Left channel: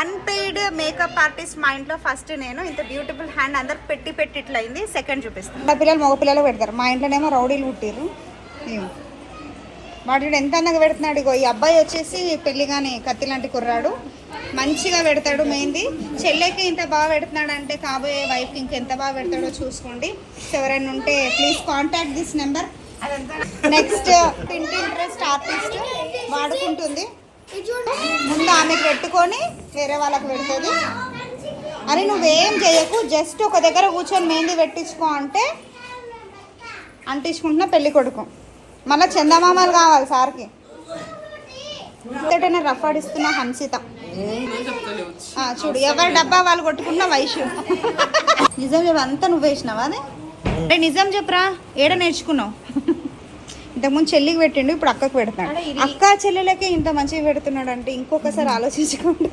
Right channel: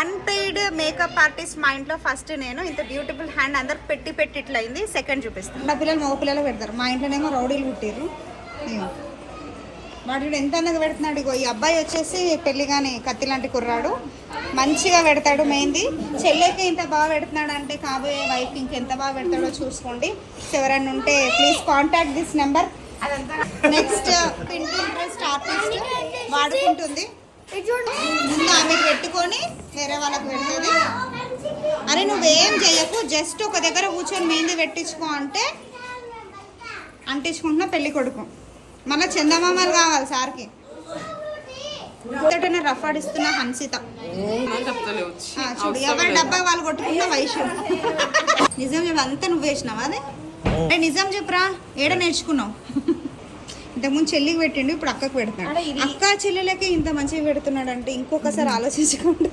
Unpaid makeup artist మా ఇంట్లో first నేను. ఇంత బ్యూటిఫుల్ హ్యాండ్ అందరు పెట్టి పెట్టి ఇట్లా అయింది. సెకండ్ చూపిస్తాను. పిల్లలు మగ పిల్లలు పెడతారు. మా ఇంట్లోనేమో రౌడీలు పుట్టిర్రు. వాడు ఎంత అందంగా పెడుతున్నాడు. ఇగో ఈ అబ్బాయి వచ్చేసి పెళ్లి కానీ కత్తి లాంటి కుర్రాడు, మంచిగా పెడతాడు. మెయిన్ది చెల్లెకి ఇంత బాగా పెడుతున్నాడు అంటే కాబోయే వైఫ్కి ఇంకెంత బాగా పెడతాడో చూసుకోండి. ఎవరైనా ఉంటే please contact this number. Next Pinterest artist వాడుకుంటుంది. ముందు ఆమెకు పెట్టుకొని వేరే వాళ్ళకి పెడుతుంది. అని నువ్వేం చేయకు, జస్ట్ ఒక దగ్గర కూర్చొని మెహందీ పెట్టించుకో అంటే అంటించుకుంటున్నా పెళ్లి కొడుకు. మళ్ళీ చందమామలు కావాలి సార్కి. ఇంతటనే రఫ్ ఆడిస్తున్న హన్సిత. చూడు ఎవరి డబ్బా వాళ్ళు కొట్టుకున్న వైషు. నిజం ఇవంతా నువ్వు వేసినావా? అదే నిజం చెప్పరా, ఏడ నేర్చుకున్నావు? ఇంతకుముందు చెల్లికి పెట్టిండు, ఇప్పుడు అక్కకు పెడతాడు. అక్క చెల్లెలకే ఇంత మంచిగా పెడుతున్నాడు అంటే ఇంకొకసారి ఆలోచించుకోండి.